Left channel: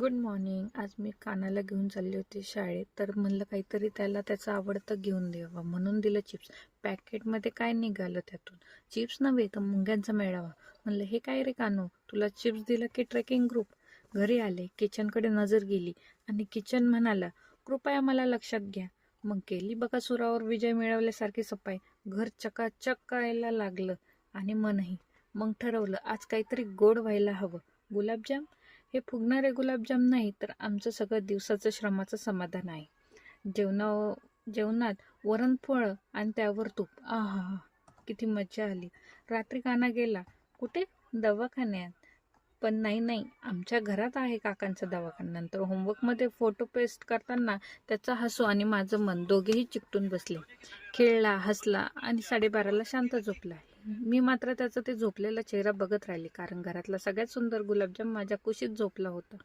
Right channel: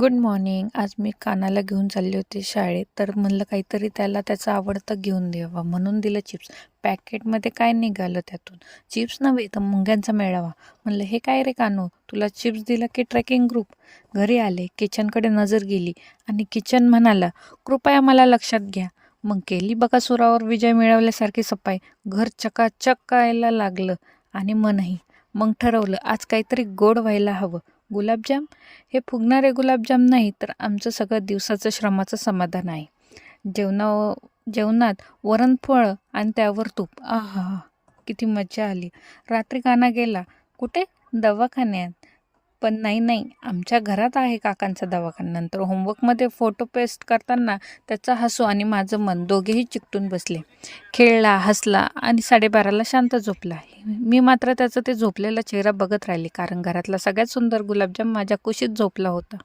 Good morning. आज मी कानाला घेऊन चालले होते शाळेत, तर म्हणलं काहीतरी त्याला त्याचं आवडतं घेऊन द्यावं म्हणून दिलं चिप्स. पॅकेटमध्ये काय निघालं त्यातून? चिप्स नव्हे तर मुंग्यांचा मेळावा. म्हणलं हे काय रे कानू, तुला चिप्स दिला की ट्रेकिंग ग्रुप? घरी आले, किचनकडे नजर गेली आणि किचन म्हणाला, कृपया मला लक्षात घ्या. मग केली बकासुरावर विजय मिळवल्यासारखी सफाई. घर चकाचक करायला लागलं आणि मनही. मग ठरवलं आज काहीतरी गोड व्हायला हवं. गुलाबजाम? हे फुगणारे गुलाबजाम नाही तर आमचं सगळं दिवसाचं श्रमाचं समाधान आहे. जेवणा जेवणात वरणफळ आणि त्यावर तूप. आहा! किती मजा आली. रात्री काना गेला. कुठे? दवाखान्यात. पण नाही, आमच्या घरात आहे काकांचा दवाखाना. नंतर होमवर्कमध्ये फोटो पेस्ट करताना त्याचा हसू आणि माझं मन दोघेही चिकटून बसले. खेळला, हसला आणि 12:30ला शांत झोपला. मी मात्र त्याचा ते झोपलेला चेहरा बघत राहिले, कारण घरातला सगळ्यात सुंदर गुलाबजाम माझ्या कुशीत झोपला होता.